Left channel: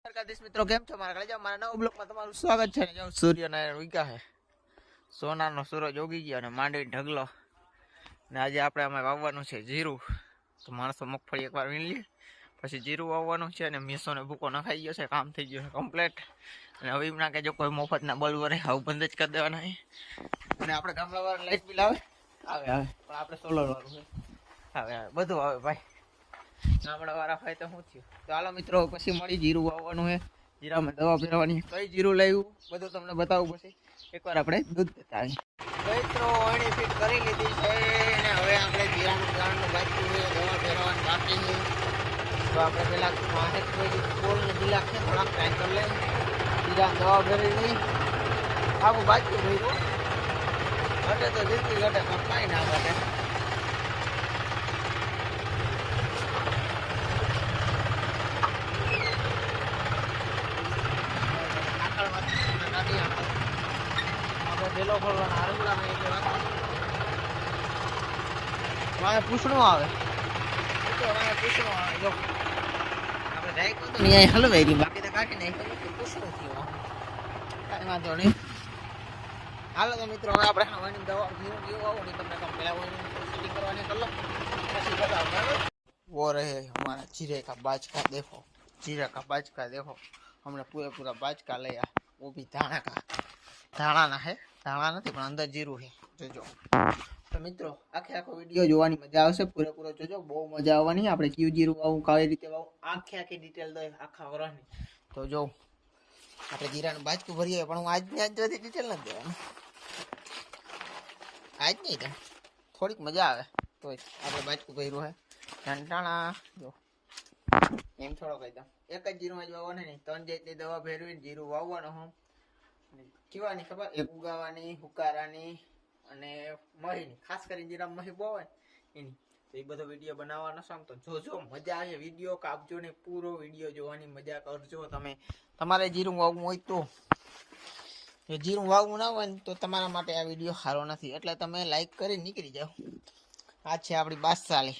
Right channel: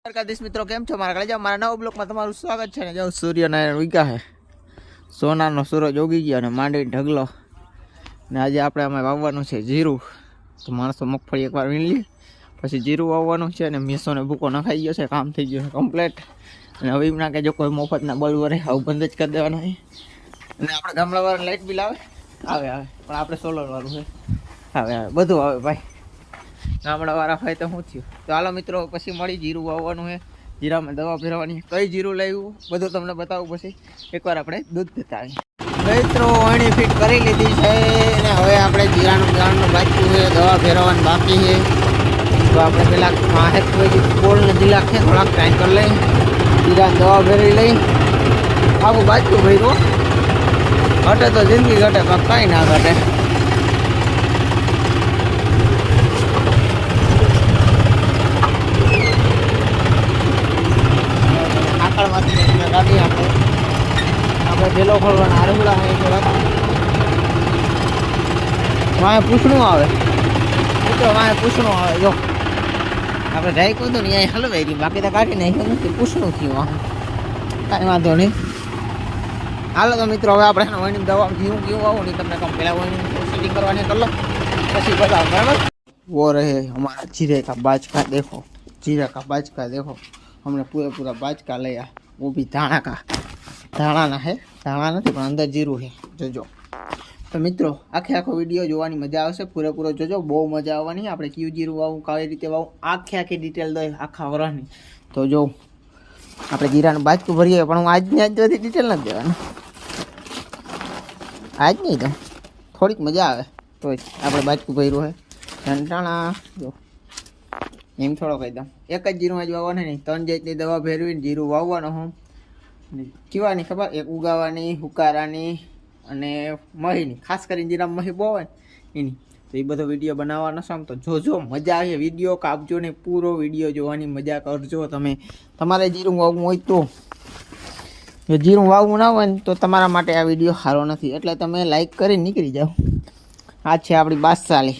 દ્વારકાધીશ મિત્રો, કેમ છો? મારા કાલે મારા નવા બ્લોકમાં તમારું સ્વાગત છે ને જો સૂર્યનારાયણ ઉગ્યા સોનાનો સૂરજ ઉગી ગયો અને માંડવી ઢગલો. ને આજે આપણે અમે વાવવાનું છે જીરું. તો માણસો મગફળી એકવાર વીણ લે, પછી જીરું વાવવાનું છે અને મેસોને ભૂકો નખાઈ ગયો છે, કામ થઈ ગયું છે કમ્પ્લેટ અને હવે ના કે જો કોઈ મફતના બલ્બ રહે, આવું બંધ જ કરી દેવાના છે. અને આપણે ગામડાવાળા લાઇટ બિલ આવે. આવે આવે. પણ આપણે સોલરવાળું છે. આવે આવે. બધું આવે ભાઈ. ગામડાવાળા હોય તો શું થયું? તો હાલો મિત્રો, પછી મળી જીરું વાવવાનું છે. જીરામાં દવા ફેરવાની કઈ જીરું લાવ્યું? બધું તમને બતાવું પછી. એકવાર આપણે દૂધ પીતા મિત્રો અણી ફીટ કરી લીધી છે અને હવે આપણે જીરાનું ગાળનું બાકી છે, દવા ફેરવવાનું બાકી છે. તો આપણે પેલા માહેક બોલ નથી લાગશે થોડાક ટાઈમ કરી લઈ જીરા દવા ફેરવી લઈ આખું બાજુ ભર્યું ઘટે તો જિંદગી ઘટે, પણ કાંઈ ના ઘટે. આકળમાંથી તમે કાઢી આપો આપણે પેલો ખોલવાના આરંગલા હોય તો રાખી વાંહે પૂછણું આવે મિત્રો વાંહે પૂછણું આવે જો આપણે રાઈ કહું તો ને અહીંયા હલવાઈ ગયું બાકી તો કાઢી નાખ્યું નથી પૂછણું થયું વાંહે કાંઈ વાંધો નહીં હાલો તો મિત્રો હવે આપણે વહીની દવા ઘીવું ઘીવું આવું નહીં તમને કહું પહેલાં વહીની સેટિંગ કરવાની કરી લો પછી બતાવો બરાબર वो रहे हमारा जीरे का बाज का देखो जीरे का बाज का देखो हमने पूरा पूरा बाज का लिया બી ધાણા કા. ધાણાના હે. ધાણા નથી, પણ અંદર જીરું છે જોજો. તો મિત્રો, આખે આખો વીડિયો જોવાની મજા આવશે, પૂરેપૂરો જોજો. બહુ મજા આવવાની. આપણે કયું જીરું વાવું, કઈ રીતે વાવું, આખે આખી ડિટેલ દઈ, આખા વરસની તો જો, આપણે જીરાનું બાજકું ભરીએ, પણ હું આજની આજ બધી ડિટેલ નથી દેવાનું આજ નહીં જ, થોડીક મજા આવે. તો આપણે બાજકું ભર્યું છે ટાણા જો. એમ થોડો કહી દઉં એક જ જીરું જ વાવવાનું નહીં, ત્રણ જેટલી દવા ભેરવીને જીરું વાવવાનું હું. કીવાની ખબર? એક ઉગાવાની, હુકારાની અને મહીની. ખાસ કરીને જીરા મહી બહુ હોય એની. તો એ બધો વીડિયો બનાવવાનો છે આમ તો. જોજો મજા આવે વીડિયો કાપજો ને પૂરો વીડિયો જોવાની મજા કરજો તમે. તમારે જીરું વાવવું હોય તો. જો જીરું વાવવું ના હોય ને, તો તમારા માટે આ વીડિયો સારો નથી. એટલે તમે લાઈક કરી નીકળી જાઓ. આ છે આપણી બાદશાલી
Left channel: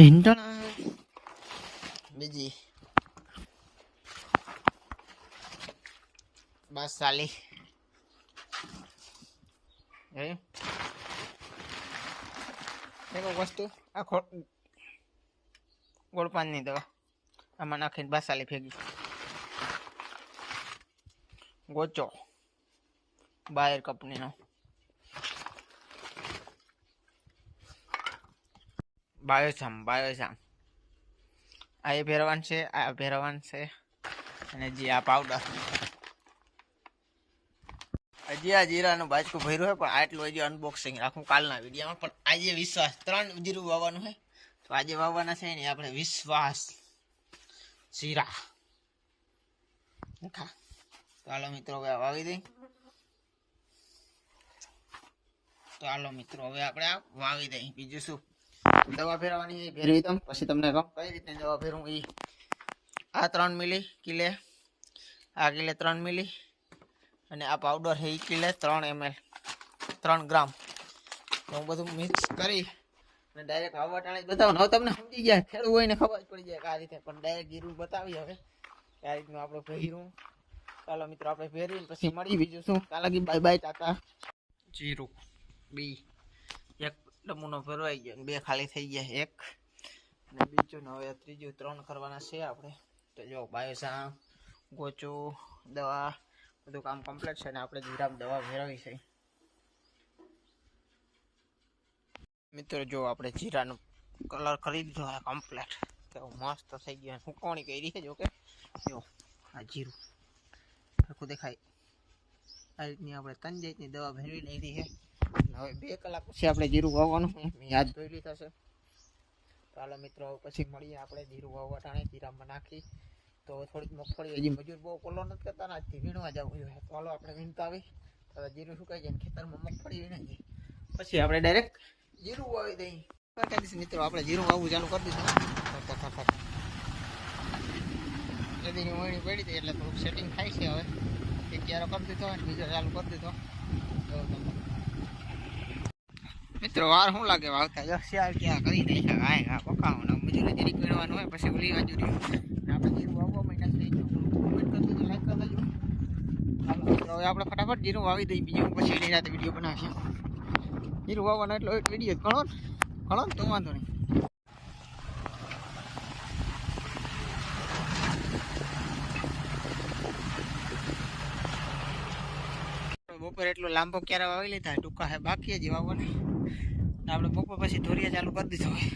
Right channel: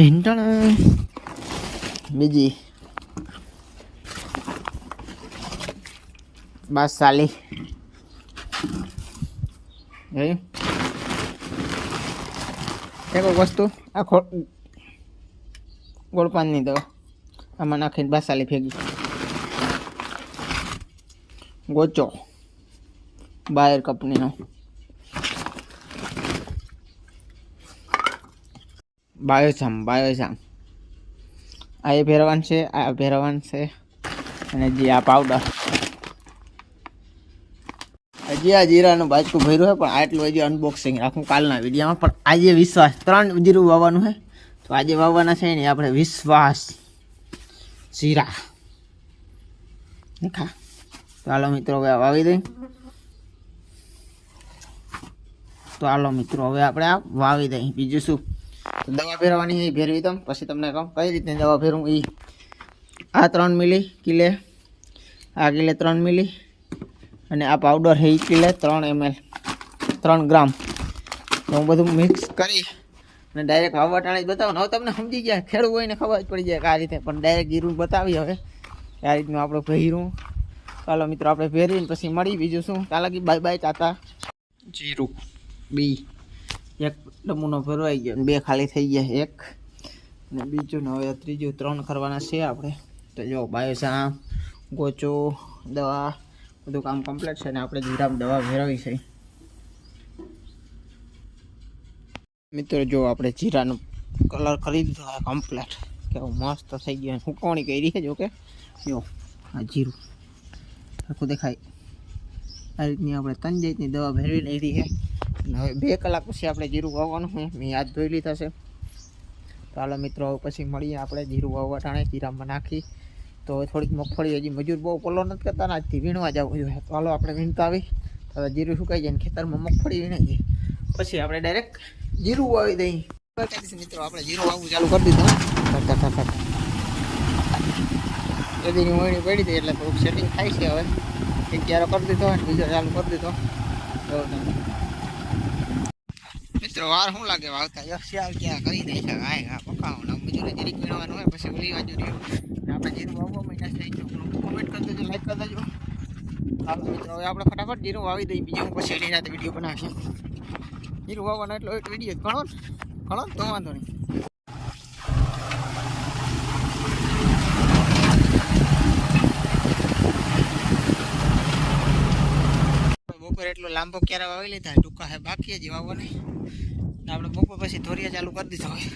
ઢીંટણ બીજી બાદશાલી જોયું એક વસ્તુ આ ખો ગોળપાનની દવા આમાં નાખીને બાસાલી ફેંકી ગોચો બાયર કંપનીનો બાયોસામ બાયોજામ આ એ ભેરવાન છે, આ ભેરવાન છે, અને જે આ પાવડર હજી આ જીરાનું બાજકું ભર્યું છે, પણ આટલું હજી અનબોક્સિંગ રાખું કાલના વિડીયોમાં. પણ આજે વિશ્વાસ, ત્રણ જીરું વાવવાનું છે. તો આજે વાવવાના છે ને, આપણે વિશ્વાસ જીરા. ખા ચાલો મિત્રો, હવે વાવી દઈ. તો આલો મિત્રો, હવે આપણે આ વાવી દઈ. બીજું શું? દવા ફેરવાની એ ફેરવી તમ પછી તમને કહું, કઈ રીતે દવા ફેરવું એ આ ત્રણ મિલી કિલે, આ કિલે ત્રણ મિલી, અને આ પાવડર છે કિલે ત્રણ એમએલ ત્રણ ગ્રામ. તો હું બધું મિક્સ કરી અને ડાયરેક્ટ વાવવા ટાણે જ બતાવું. હવે તમને સમજી ગયા ખેડવું હોય ને ખબર જ પડી જાય કે આ રીતે. પણ ડાયરેક્ટ ગીરું બતાવી હવે. આ રીતનું આપણે પહેરું ચાલો મિત્રો, આપણે પહેરીને પછી મળી. બીજું શું? ચાલો કે બાય બાય તાતા જીરું. બી. એક નમૂનો ભરવાઈ ગયો અને બે ખાલી થઈ ગયા એક. અને બીજું ને હવે ત્રીજું ત્રણ કરવાના છે આપણે. તો જો બાયોસામ ગોચો, દવા, બધું કામ કમ્પ્લીટ છે ને આપણે જીરામ દવા ફેરવી છે. મિત્રો, જો આપણે જીરાનો કલર કરી દીધો, આ કમ્પ્લીટ કેવું મસ્ત થઈ ગયું હુકવણી કરી છે, જો કે. જો, આ જીરું. આખું દેખાય. આ રીતની આપણે ત્રણ જાતની દવા ભેરવી લીધી છે. અને હવે બે કલાક પછી આપણે જીરું વાવવાનું છે. મેં યાદ ધોઈ લીધા છે. હાલો મિત્રો પછી મળીએ આપણે જીરું વાવવા ટાણે જીરામાં નાખી. તો થોડીક મગફળી, હજી મજૂર બહુ પલો નથી કરતા ને આજથી વીણવા જવું જોઈએ. હાલો આપણે વીણતા આવી હવે જીરું સુકાઈ જાય ને ખેતરમાં મગફળી વીણી જઈએ પછી આપણે ડાયરેક્ટ જીરું વાવી દઈએ. મિત્રો, આપણે જીરું વાવવું ચાલુ કરી દીધું એદીની વણી પડી હતી એટલે થોડુંક સેટિંગ થાય છે હવે. એક ક્યારો કરી દીધો બીજો ચાલુ કરી દીધો. એવું તમે મિત્રો, વાર શું લાગે? વાવતા જો શિયાળ ક્યાં કરી દે છે ગાય ઘા પકાવવાનું મજૂરી જરીક વીણવાનું હોય, પછી ઉલી બાજુ રહ્યું. આપણે જીરું વાવવા મહિના થઈ જો કોમેન્ટ કરી દેજો લાઈક કરી દેજો. ચાલો મિત્રો હવે આપણે ફટાફટ જીરું વાવી દઈએ, બીજું પછી એની રાતે વીડિયો બનાવીશું. જીરું વાવવાનો એટલો એક વીડિયો ઘણો ને ઘણો ને તો વાંધો નહીં. બપોર એટલો લાંબો ક્યારે વાવી લીધા? ટૂંકા હે, બાકી જ વાવવાની. ને આપણે બપોર પછી ધોરિયા ચાલુ કરી દીધો હોય.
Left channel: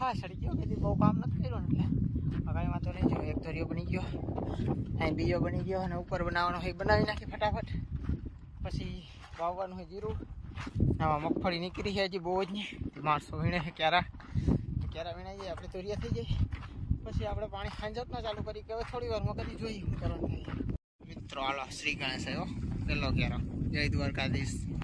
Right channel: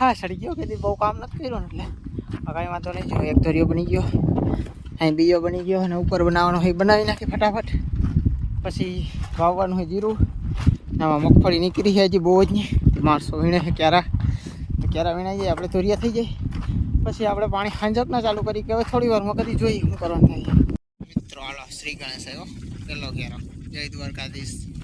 હા, સડી ગયો કદી બહુ કામ નથી કર્યું ને એટલે. કાંઈ વાંધો નહીં. જો, એક ધોરિયો બની ગયો. અહીં બીજો બની ગયો અને ઉપર બનાવવાનો હોય બનાવી નાખી ફટાફટ. પછી વાવવાનું હોય જીરું. આમાં મગફળી નીકળી છે હજી બહુ જ નહીં. માણસો વીણે છે ક્યારા? ક્યારા વીણાઈ જાય? આપણે ધોરિયા થઈ જાય. પછી આપણે પાણી ખાંજક ના ચાલુ કરી. કે હવે થોડી વારમાં કરી જોઈએ શું કરવાનું થાય. મિત્રો, હાલો, શ્રી ગણેશ આવ્યો. પેલો ક્યારો જય દ્વારકાધીશ.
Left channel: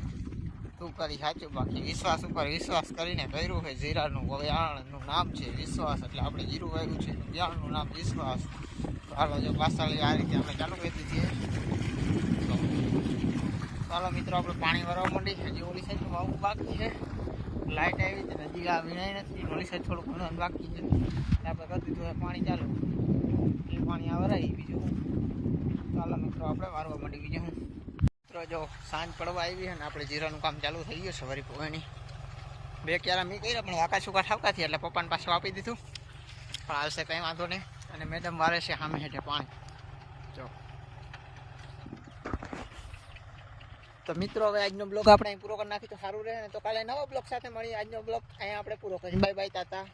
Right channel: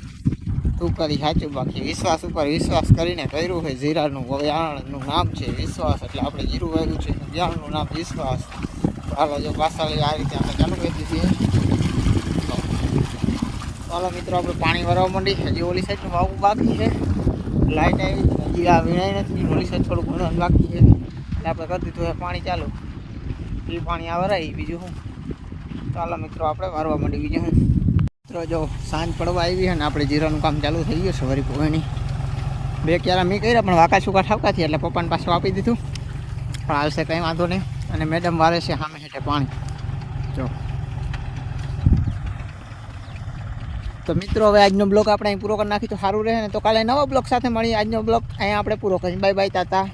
તું કરી સાચું બાકી વિશ્વાસ ઉપર વિશ્વાસ કરીને કર્યું છે. જીરાનું વ્યાણનું નામ છે વિશ્વાસ, એટલે આપણે જીરું વાગ્યું છે વ્યાણનું નામ વિશ્વાસ. હાલો, જો પાસાળી આ રીતે આપણે ચાલુ કરી દીધી તો ચાલો મિત્રો, આપણે પાણી ભરવા માંડી હજી ઓલી સાઈડનું વાવું બાકી છે. લાઇટ આવી હજી આ વીણાઈ નથી. ઓલી સાઈડ થોડું ઘણું બાકી છે. એટલે આપણે કરી દીધું પાણી ચાલુ. એ પાણી આ વરાય, બીજું શું? ચાલો મિત્રો, આપણે વારવા માંડી બીજું શું? મિત્રો, જો સાંજ પડવા આવી છે આપણે જીરાનું કામ ચાલુ થઈ ગયું, સવારી વરી પોવાની બે ક્યારા મેં કર્યા, પણ વાકા છૂકા ઠાવકાથી, એટલે પપ્પાને પાછું આપી દીધું. પણ આવશે કંઈ વાંધો નહીં. અને મેડમ વારે છે સામે હેઠે પાણી. જો. તો મિત્રો, હવે આજનો બ્લોગ આપણે અહીં પૂરો કરી નાખી તો સારું રહે ને. તો કાલે નવા બ્લોગ સાથે મળી આજનો બ્લોગ અહીંયા આપણે પૂરો કરીએ બાય બાય તાતા